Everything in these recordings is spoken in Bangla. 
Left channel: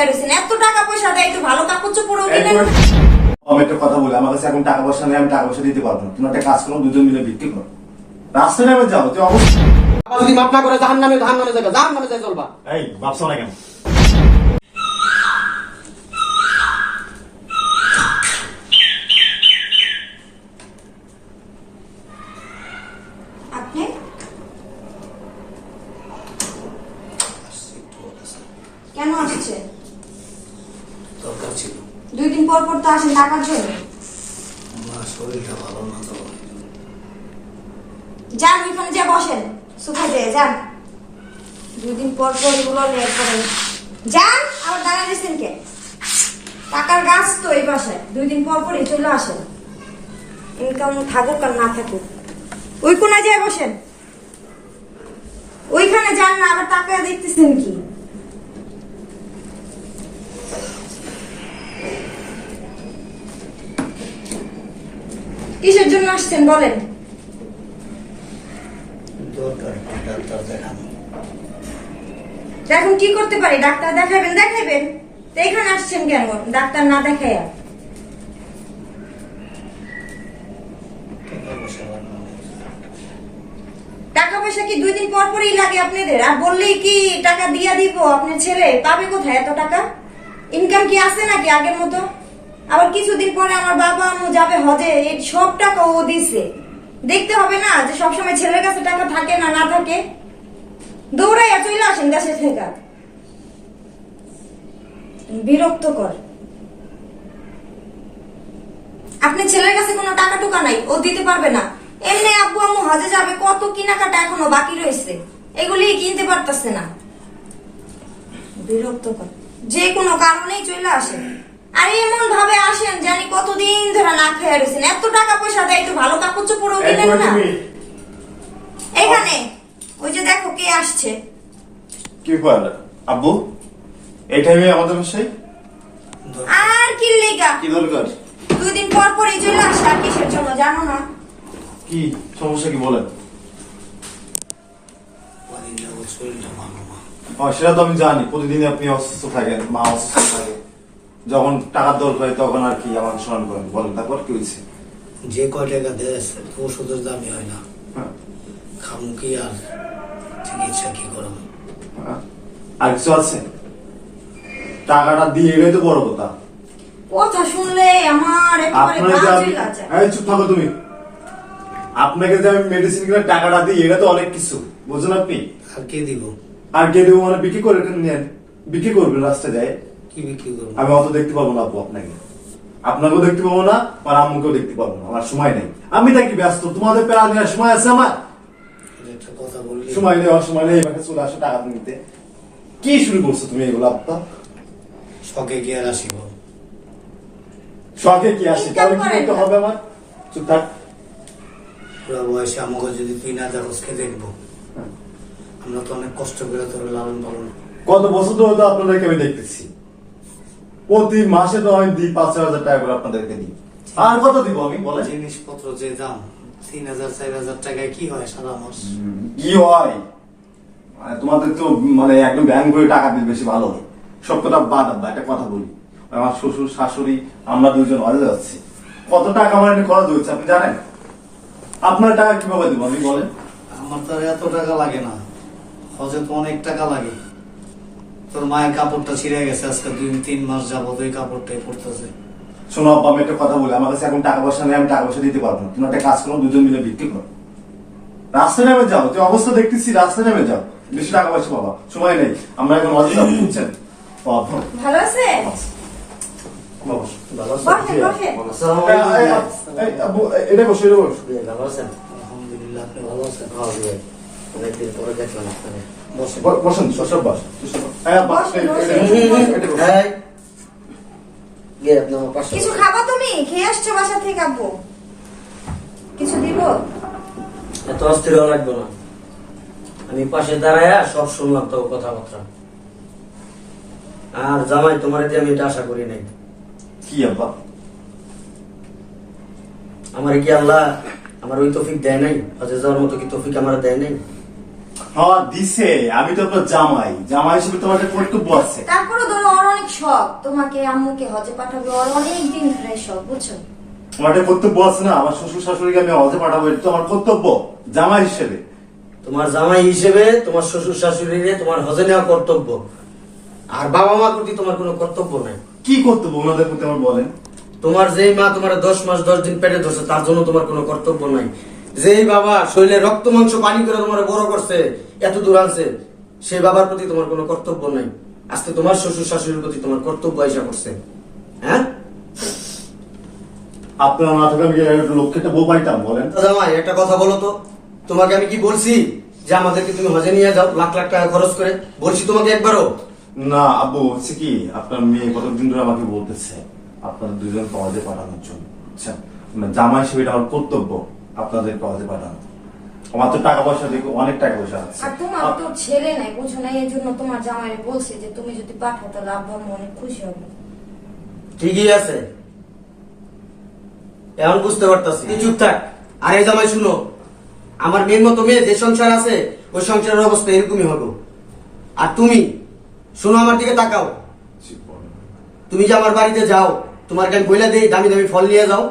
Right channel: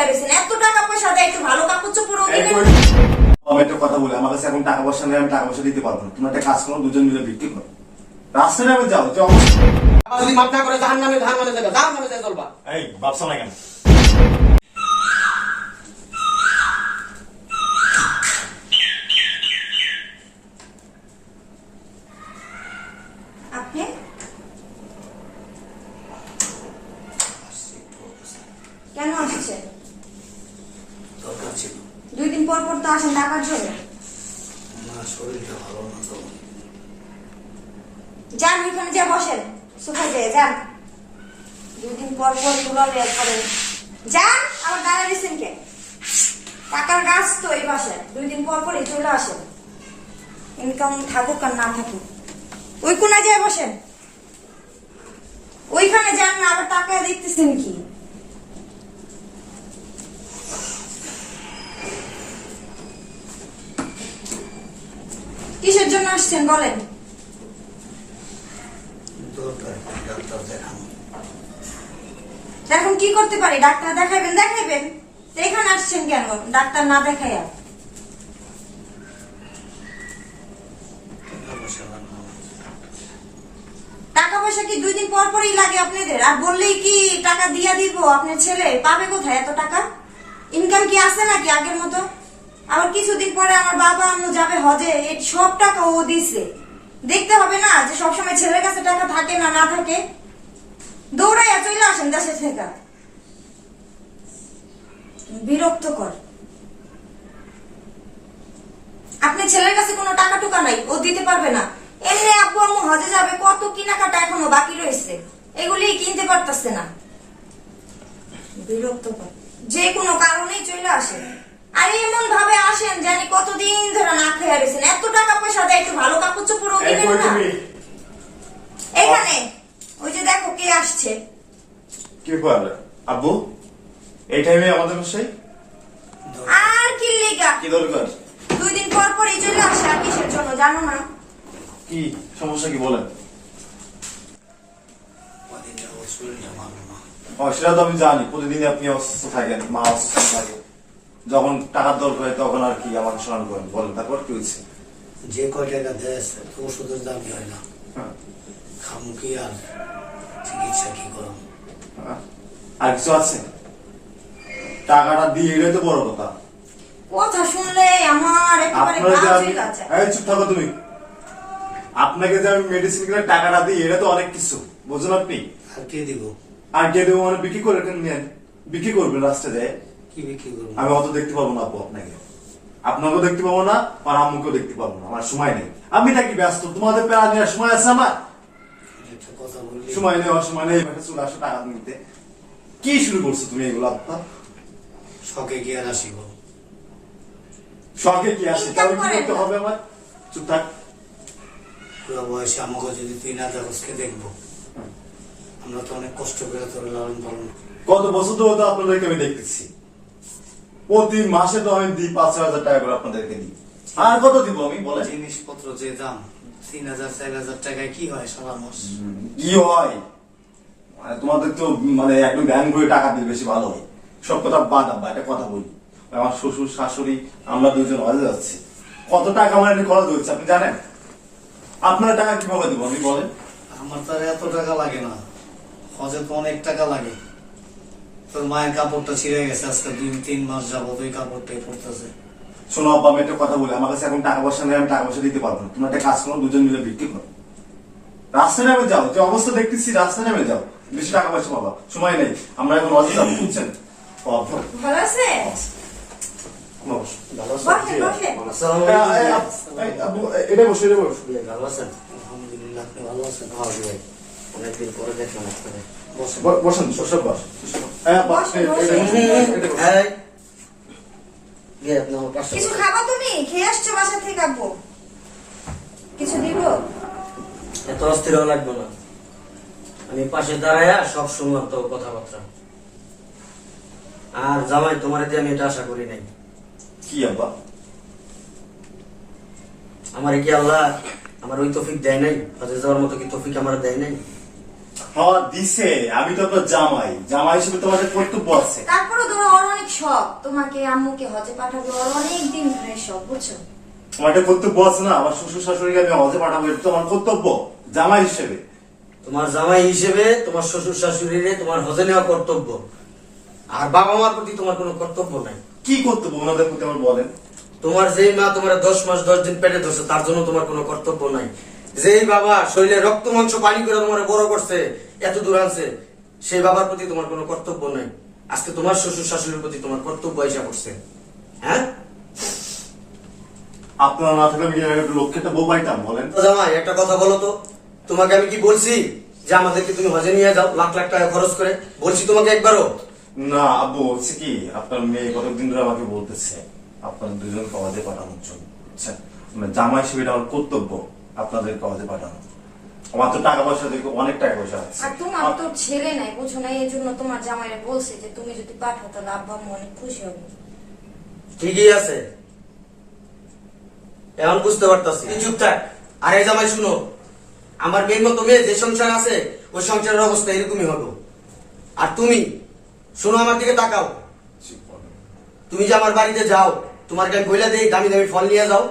খেয়ে রয়েছেন। এত টাকা পয়সা দেয়, একটু ভালো কাপড় চোপড়ও দিবেন না। আমি একটা কথা বলি, আমার কাছে এখন টাকা পয়সা নেই, আমি টাকা পয়সা দিতে পারবো না। তুমি একটা কাজ করো, দুজন মিলে বিক্রি করো, রাস্তায় নেমে যাও। তুই অবশ্যই যদি মাপ না করে জাহান্নামে যাবে, জাহান্নামে যায় চলবা। এই ভাবছো না কেন? আপনি কেন আসছেন? দরকার ছিল, 2 দিন পর পর তো আসেন টাকার জন্য। আমার শরীরটা ভালো না তো। যান ওইখানে যা বসেন, সোফা দিয়ে যান। 2 দিন পর পর এগুলো লেট করেন। যান, আবার দাঁড়া দিচ্ছেন কে? টাকার গাছ তো এই পাশে, 2 দিন পর পরই চলে আসেন। ইনকাম থাকুক আর না থাকুক, ওই কোনায় যায় বসেন। ওইখানে যান না, আবার টাকা দেখতেছেন কি? কিসের জন্য আসছেন বলেন? দরকার ডাক্তার দেখানো। এখন কি করতে পারি? ডাক্তার দেখাবেন? তো এখানে আসছেন কেন ডাক্তার না দেখাইয়া? টাকা পয়সা কি 2 দিন পর পরই লাগে আপনাদের? আর বললেই কি টাকা দিয়া দিব? আপনার ছেলে পাবে কোথায় এত টাকা? ইনকাম কি আছে নাকি আগের মতো? আবার কিছুদিন পরে আমার বাবা আম্মু যাবে হজে, এই সব টাকা ও দিছে। দেখতে হবে না যে সবসময় ছেলের কাছে টাকা থাকে না না থাকে? দৌড়াইয়া চলে আসেন দেশে থেকে। বিরক্তকর। আপনার ছেলের কাছে কোনো টাকা টুকা নাই, ও দিতে পারবে না। এমনি আব্বু আম্মু হজে যাবে, কত কেনাকাটা এখনো বাকি রয়েছে, এগুলি কিনতে পারতেছে না। বিরক্তকর। যে কোনো কারণেই চলে আসেন, আর এমন ভাবে আসেন জানি কতদিন ধরে না খেয়ে রয়েছেন। এত টাকা পয়সা দেয়, একটু ভালো কাপড় চোপড়ও দিবেন না। এখানে ওই যে দেখো কে আসছে। কি করে আব্বু এই টাইমে আমাদের বাসায়? আর কি লেগা? কি দরকার? 2 দিন পর পরই চলে আসে, আর কিসের জন্য জানো না? কি সমস্যা কি বলেন? কদিন যাবত শরীরটা ভালো না। সেটা তো আমি জানি, প্রতিদিন আপনি অসুস্থ থাকেন, মা অসুস্থ থাকে। যখন টাকার দরকার হয় তখন আর কি আমাকে স্মরণ করেন। বলেন তারপর কি হয়েছে? যে কয় টাকা দেয় তো ওষুধের দামই হয় না। হ্যাঁ। খামু কি আর চিকিৎসা কি করব? আর কিছু আছে? টাকাটা দিয়ে এলে তো বড় কথা। কথা শুনলে আমার একেবারে আপনাকে যে আমি, বাজে লাগে। এই চুপ থাকো তুমি। আপনাকে যে আমি মেডিসিন কিনে টাকাটা দিই, এটা তো অনেক কিছু, বুঝলেন আপনি? আর কে দিব? আর কে দেবো মানে বিক্রি করে নেন, বিক্রি করবেন রাস্তায় যায়। কি বিক্রি করবো? আমি অত দেখতে পাবো না আব্বু আপনাকে, আপনাকেও দেখতে পাবো না, আর আম্মুকেও দেখতে পাবো না। আমার সময় নেই, আমি নাকি ব্যস্ত? তোমাদের পেড়া নেওয়ার সময় আছে আমার? এটা একটা কথা বললি। সময় নেওয়ার সময় নেই, এবার চলে আসো টাকা নিতে। কি শুরু করছো তুমি এগুলো আব্বা? শখে কি আর আসিব? শখে কি আসে? তাহলে কি করতে হবে আমার? চুপ থাক। পুরো বয়সে আমাকে যদি তুই না দেখোস কে দেখবো? আমরা তো অনেক কষ্ট করে তোর লালন পালন। কত বছর ধরে তো আপনাদেরকে আমি দেখতেছি, প্রতি মাসে তো আমি দিই 5,000 টাকা করে আপনাদেরকে দিই। আর কত দিব আমি বলেন? জিনিসপত্র যে দাম 3,000-4,000 টাকায় কি হয় সারা মাস? কি হয় মানে তোমাদের তো মানে একদম ব্যাংক করে টাকা দিলে বেশি ভালো হয়। সব কথা বাদ আব্বা, একটা কথা বলি। আমার শ্বশুর শাশুড়ি আমরা 2জন হজে যাচ্ছি, কত টাকা আমার এটা খরচ হচ্ছে আপনি জানেন? আপনার টাকা কিভাবে দিব আমি বলেন? আমার তো আর এত টাকা লাগে না, হজে তো অনেক টাকা লাগে। তোর মায়ের কাপড়টা ছিঁড়ে গেছে, আজকে 2-3 মাস যাবত ওই কাপড়টাই পড়তেছে। শোনো আব্বা, আমি একটা কথা বলি, আমার কাছে এখন টাকা পয়সা নেই, আমি টাকা পয়সা দিতে পারবো না। তুমি একটা কাজ করো, দুজন মিলে বিক্রি করো, রাস্তায় নেমে যাও। যে অবস্থা দেখতেছি, রাস্তায় নেমে যাও, বেশি টাকা পয়সা পাবা। সময় নেই, আমরা এখন হজে যাবো, বুঝছেন? ভালো আছে? ভালো বসে বসে। এটা বসে, এটা বসে। ভালো আছেন? আলহামদুলিল্লাহ, আপনি ভালো আছেন? অনেকদিন পরে দেখলাম আপনাকে। বসেন। বসেন, সব বস। কিছু খাবা তুমি? খেয়ে আসছো বাসা থেকে আব্বু? কিছু দিব? এত অস্থির লাগবে না, আমি পাশে দাঁড়ায়া সব শুনলাম তো কথাবার্তা। আর জামাই তোমার দিয়ে আমি এটা আশা করি নাই। কি আব্বা? আমার কি আল্লাহ আমার ওই তৌফিক দেয় নাই? হজে যাওয়ার মতো কি তৌফিক আমার দেয় নাই? হ্যাঁ দিছে, আমি তো আপনার জামাই, জামাই হিসেবে তোমার একটা কর্তব্য আছে। তারপরে ধরো ওর অনেক শখ তোমাকে আম্মুকে হজে পাঠাবো আর অনেক দিন ধরে শখ, বুঝছো? আমার একটা কর্তব্য আছে না, আমার শ্বশুর শাশুড়িকে আমি হজে পাঠাবো, এটা তো আমার কর্তব্য জামাই হিসেবে। তোমার জামাই হিসেবে তোমার শ্বশুর শাশুড়িরে তোমার হজে নেওয়া কর্তব্য, আর বাবা মার প্রতি তোমার কোনো কর্তব্য নাই। কি কর্তব্য ওনাদের প্রতি আমার বলেন? তোমার যেই মা তোমার 10 মাস 10 দিন পেটে ধরছে তার জন্য তোমার কোনো কর্তব্য নাই। যেই বাবা শরীরে রক্ত মাংস পানি করে তোমার বড় করছে, এত দূর আনছে, সেই বাবার প্রতি তোমার কোনো কর্তব্য নাই। আজকে তোমার শ্বশুর শাশুড়ির প্রতি তোমার কর্তব্য আইসা করছে। হ্যাঁ আপনার না থাকলে আমি কি লক্ষ্যটা বউ পাইতাম বলেন? জামাই একটা কথা বলো তো, তোমাকে আমি কি বলছি যে আমাদেরকে তুমি হজে নিয়ে যাও লাখ লাখ টাকা খরচ করে? বলছি তোমাকে একবারও? না আব্বু, হচ্ছে কি আপনার মেয়ে কতদিন ধরে আমাকে বলতেছে আপনার দুজন হজে পাঠানোর জন্য, বুঝছেন? মানে জামাই হিসেবে এটা আমার কর্তব্য আপনাদের হজে পাঠানো। আমার তো টাকা পয়সা দেখো, অনেক টাকা পয়সা আছে। আর তোমার তো ছেলে নাই, বুঝছো না? এই জন্য তোমার জামাইরে বলছে যে তুমি যদি পাঠাও তাহলে আব্বা আম্মু অনেক খুশি হবে। ঠিকই আছে, এখন বুঝতে পারতাছি। তুই চুপ থাক। আর এই জামাই শুনো, আমার মেয়ের মতো মেয়ে যে সংসার আছে ওই সংসারের অবস্থা এরকমই হবে। আর তুমি শোনো, আমার দিকে তাকাও। তুমি যে আমার বাড়িতে যাও, তোমার আমি বইলা দেই দামি দামি ফল নিয়ে যাও,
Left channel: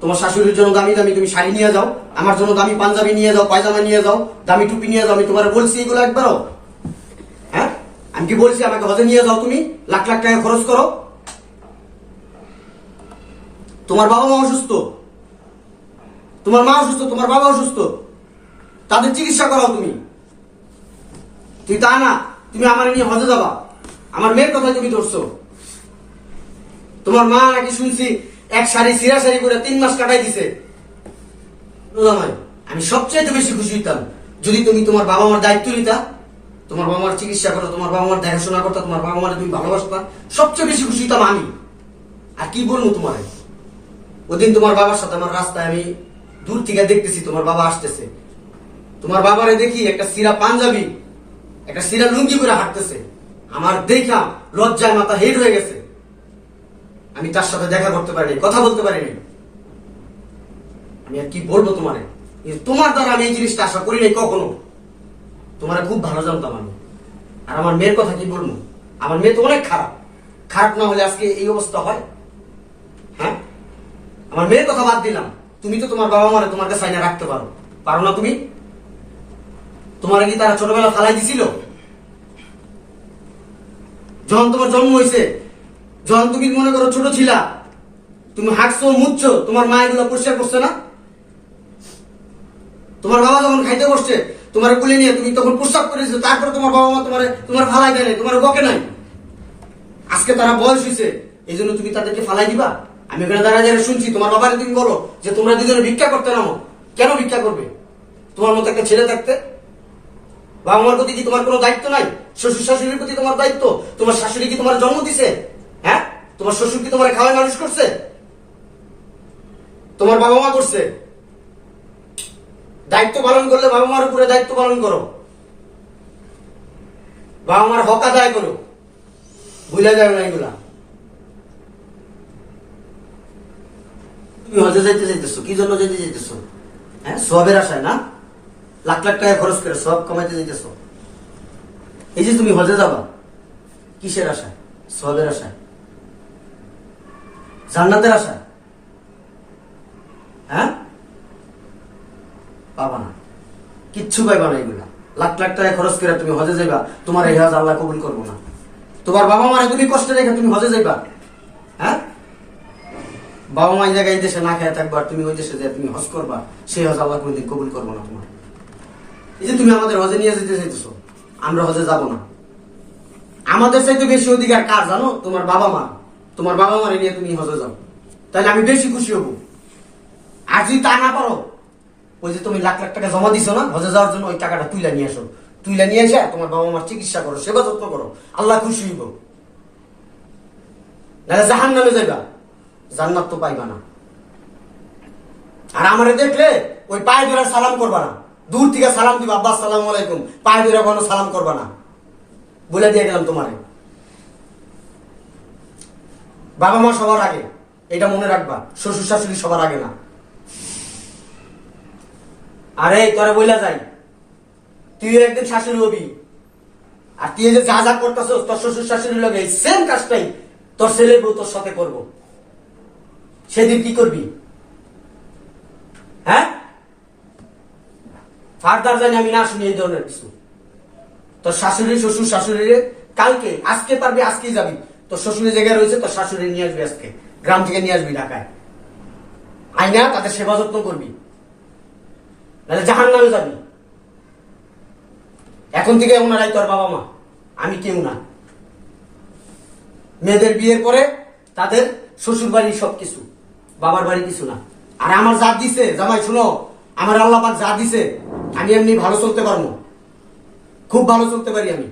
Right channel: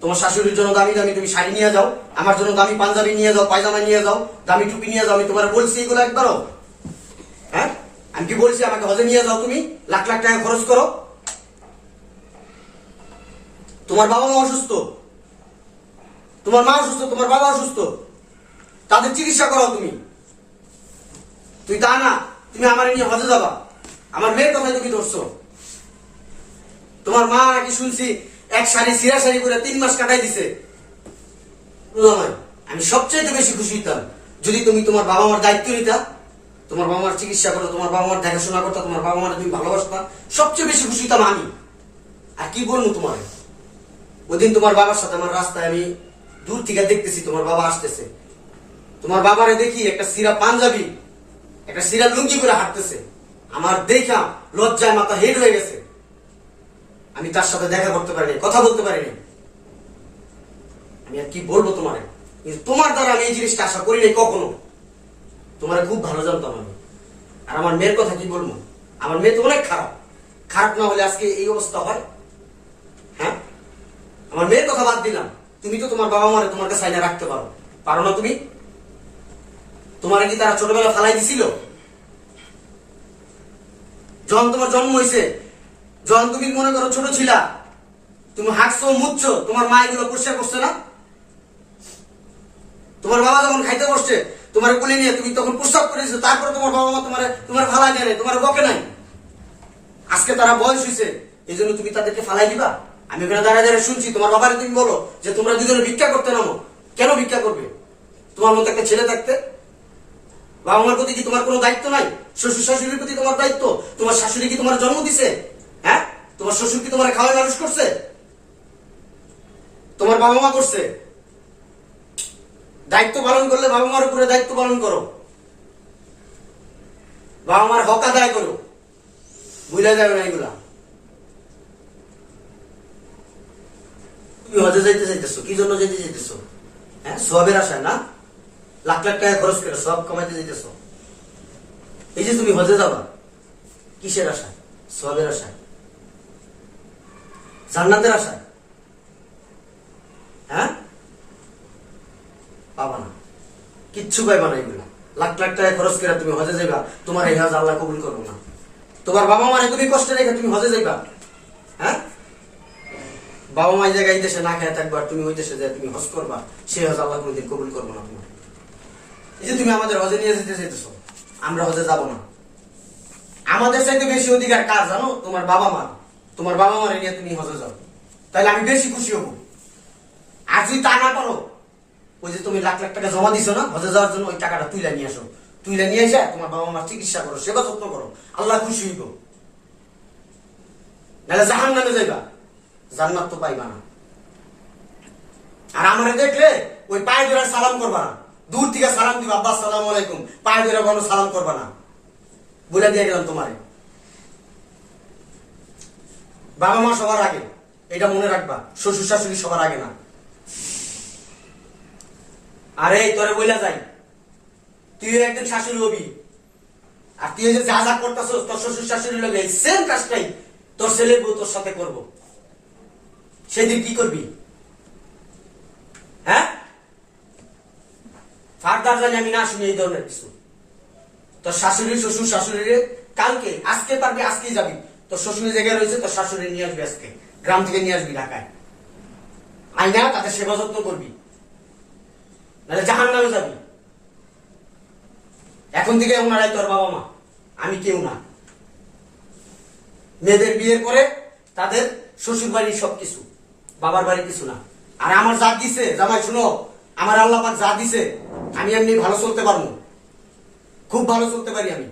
তোমার শাশুড়ির জন্য দামি দামি তুমি শাড়ি নিয়ে যাও, আমার জন্য দামি পাঞ্জাবি নিয়ে যাও, পায়জামা নিয়ে যাও, দামি টুপি নিয়ে যাও। আমি তোমার বলছি এগুলো একবারও? হ্যাঁ, আমি কি বলছি আমাকে হজে নিয়ে যাও? তুমি লাখ লাখ টাকা খরচ করো। তোমার বাবা মা অসুস্থ, তোমার মা অসুস্থ, তোমার বাবা অসুস্থ, তাদের চিকিৎসা করাও তুমি। তুই তা না, তুমি আমার নিয়ে হজে যাবা, আমার মেয়ের কথা তুমি ধরছো। তোমার মা নাকি শুনছি এক শাড়ি সিরা শাড়ি করে 3 মাস কাটাই দিছে। আমি সবচেয়ে বেশি খুশি হইতাম যদি তুমি তোমার বাবা মার দায়িত্ব নিতা, তোমার বাবা মার চিকিৎসা করো, তোমার বাবা মার দেখাশোনা করতা, তোমার বাবা মার তুমি ভালোবাসতা। সবচেয়ে বেশি খুশি হইতাম আমি। আর কি বলবো তোমার, ওদিন তোমার বাবার সাথে আমার রাস্তায় আমি দূর থেকে দেখতেছি তোমার বাবা আসতেছে, তোমার বাবারে দেখি একটা সিরা পাঞ্জাবি একটা সিরা লুঙ্গি করে হাঁটতেছে। আমার দেখা লজ্জায় মাথা হেড হয়ে গেছে। আমি তার সাথে দেখা করতে পারিনি, কথা বলতে পারিনি। আমি আর কি বলবো তোমারে, তোমার দ্বারা আমি এই জিনিসটা আশা করি নাই কখনো। তোমারে খুব ভালো জানতাম আমি। আর আমার মেয়ের কথা কি বলবো, আমার মেয়ে তো অনেক খারাপ। খারাপ না হলে আজকে এই অবস্থা হয়? হ্যাঁ, আমার মেয়ের কথা বাদ দিলাম, তুমি তো তোমার বাবা মারে তোমার কাছে আইনা রাখতে পারো, পারো না তুমি? তোমার কি তারা ছোটবেলা ফালাই দিছিল? যখন তোমার জন্ম হয়েছে, যখন তুমি মনে করো ছোট ছিলা, তুমি হাঁকছো মুচ্ছো, তোমার মা এগুলো পরিষ্কার করছে না? তোমার বাবা যখন খাইতে বসছে তোমার কোলে নিয়ে তুমি তখন প্রস্তাব করে দিছো, তারপরে তোমার বাবা মা তোমার ফালাই দেয় নাই, তোমার বকে নাই। আজকে তারা বয়স হয়েছে এই জন্য তুমি তাদেরকে ফালাই দিবা? আমি ওখানে দাঁড়ায় দাঁড়ায় শুনছি তোমার বাবারে তুমি বলো যে তোমরা দুজনে ভিক্ষা করতে নামো। কেন ভিক্ষা করবে? তোমার মতো একটা ছেলে থাকতে বাবা মার প্রতি কি তোমার কোনো দায়িত্ব নাই? শ্বশুর শাশুড়ির প্রতি তোমার দায়িত্ব? তোমার শাশুড়ি কি তোমার জন্ম দিছে? হ্যাঁ, তোমার শ্বশুর কি তোমার খাওয়ায় মানুষ করছে? তোমার বাবা মা করছে। দায়িত্ব পালন করলে বাবা মার উপরে দায়িত্ব পালন করো, বাবা মার হক আদায় করো, ভুলে যাবে না এগুলা। তুমি হজে যাইতে চাইতেছো, কি জন্য যাইতে চাইতেছো? হ্যাঁ, সবের আশায় না? লাখ লাখ টাকা খরচ করে সব কামাইতে যাইতেছো। এই যে তুমি হজে যাবা কিসের আশায়? সবের আশায়, জান্নাতের আশায়? হ্যাঁ, পাবা না, কিচ্ছু পাইবা না এগুলা। লাখ লাখ টাকা খরচ করে তুমি হজে যাইবা, তোমার এই হজ আল্লাহ কবুল করবো না। তোমার বাবা মারে তুমি কষ্টে রেখে তুমি হজে যাইবা? হ্যাঁ, বাবা মা এই জায়গায় এই দেশে না খেয়ে থাকবা, তুমি ওই দেশে যায় তুমি হজ করবা, সেই হজ আল্লাহ কোনদিন কবুল করবো না তোমার। এই যে তুমি আমাদের হজে নিয়ে যেতে চাইতেছো, আমরা হজে যাব না। আমাদের চাইতে বেশি অধিকার কার জানো? তোমার বাবা মা। তোমার বাবা মারে নিয়ে তুমি হজে যাও, তাহলে আমি বেশি খুশি হব। আর যদি তা না পারো, ওই যে তুমি লাখ লাখ টাকা জমা দিছো না হজে যাওয়ার জন্য, ওই টাকাটা তুইলা নিয়ে আসো। তুইলা নিয়ে এসে তোমার বাবা মার চিকিৎসা করো, সেবা যত্ন করো, আল্লাহ খুশি হইব। নাহলে জাহান নামে যাইবা, জান্নাত তো পাইবা না। আর আমারে দেখলে ওই পায়ে ধরে সালাম করবা না, দূর থেকে সালাম দিবা, আব্বা আসসালামু আলাইকুম, পায়ে ধরে কোনো সালাম করবা না, বলে দিয়ে গেলাম তোমারে। বাবা মা সবার আগে, এটা মনে রাখবা। শ্বশুর শাশুড়ি সবার আগে না। আরে তোরে বইলা যাই, তুই একদিন শাশুড়ি হবি। আর তুই যে যা যা করতেছ তোর শ্বশুর শাশুড়ির লগে সেম কাজটাই তোর ছেলের বউ তোর সাথে করব, সেদিন কি করবি? হ্যাঁ, ফার্দার জানি আমি না শুনি এই ধরনের কিছু। তোর শাশুড়ি শ্বশুর শাশুড়িরে কালকে, আজকে পারবি আজকেই যাবি, তোর শ্বশুরের জায়গায় রয়েছে, তোর শাশুড়ি নিয়ে আসবি আজকে, গ্রাম থেকে নিয়ে আসবি ঢাকায়, আইনা তাদের সেবা যত্ন করবি, নাহলে জাহান্নামে যাবি। এখন থেকে ওনারাই তোর বাবা মা, আমি কেউ না। মেয়েদের বিয়ের পরে তাদের শ্বশুর বাড়ি সবকিছু, বাবার বাড়ি কিছু না। আর আমার যা দিছে জামাই, শুনো, আমার আল্লাহ পাক যা দিছে, আমি এমনি ভালো চলতে পারবো, খুব ভালো চলতে পারি আমি।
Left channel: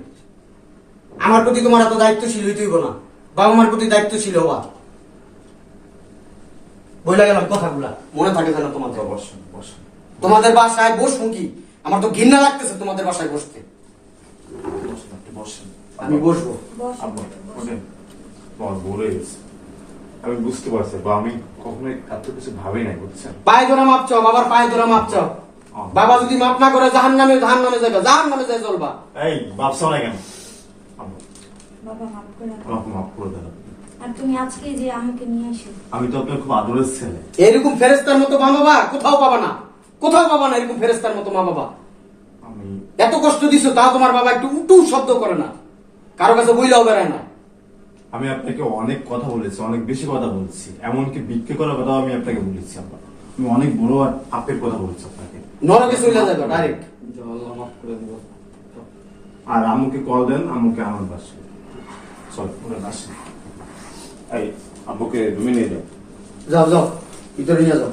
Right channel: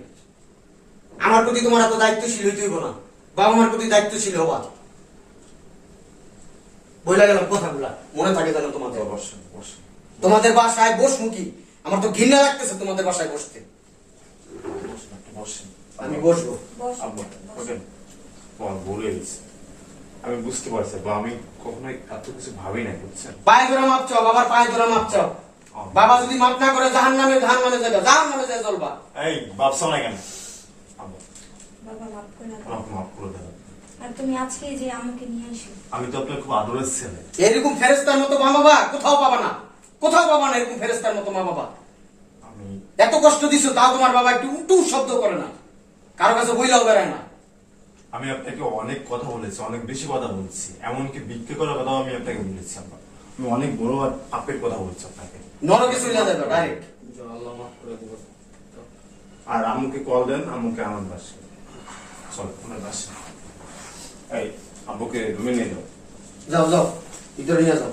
আমার প্রতি তোমার এত দায়িত্বশীল হইতে হইব না, বাবা মার প্রতি দায়িত্বশীল হবা। বইলা গেলাম কথাগুলা, মনে থাকে যেন তোমাদের। বসেন বসেন। তোমাদের বাসায় বসবো কি? আমার তো ঘৃণা লাগতেছে তোমাদের বাসায় বসতে। বসেন, আপনি বসেন। আমি বসবো। বসুন, আব্বা, বসুন। ওঠেন। তোমার বলে গেছে, আমি বুঝতে পারছি বা আমি কখনোই এত কিছু ভাবি নাই, বুঝছেন? পায়ে ধরে মাপ চাও, বাবার পায়ে ধরে মাপ চাও। বাবা যদি মাপ না করে জাহান নামে যাবে, জাহান নামে যায় চলবা। এই ভাবছো না কেন? আব্বা, বাবা মাফ করে দাও। আমাকে মাফ করে দেন। আর তুমি আজকে যে আম্মুকে নিয়ে এসো। আমি তো আপনার খুব আদরের ছেলে। এরকম ফেরেস্তার মতো মা বাবা কোথাও পাবা না, কোথাও পাবা না এরকম ফেরেস্তার মতো মা বাবা। আমি এত কষ্ট দিছো, তাও তোমার বাবা একটু উটু শব্দ করে না, কারো কাছে বইলেও বেড়ায় না। আমি আপনাকে অনেক কথা বলেছি, অনেক বেশি কথা বলছি, এমনকি বিক্রি করার কথাও আমি আপনাকে বলেছি। আব্বা, আমি অনেক বড় আর পাপের কথা বলছি আপনাকে। নরকে চলে যাবে ডাইরেক্ট। আল্লাহ মাফ করে দিব। আর আম্মুকে কল দেন, আম্মুকে আমার বাসে চল, ওনার বাসে। এই আব্বুকে রুমে নিয়ে যাও। যাও যাও, ভিতরে নিয়ে যাও।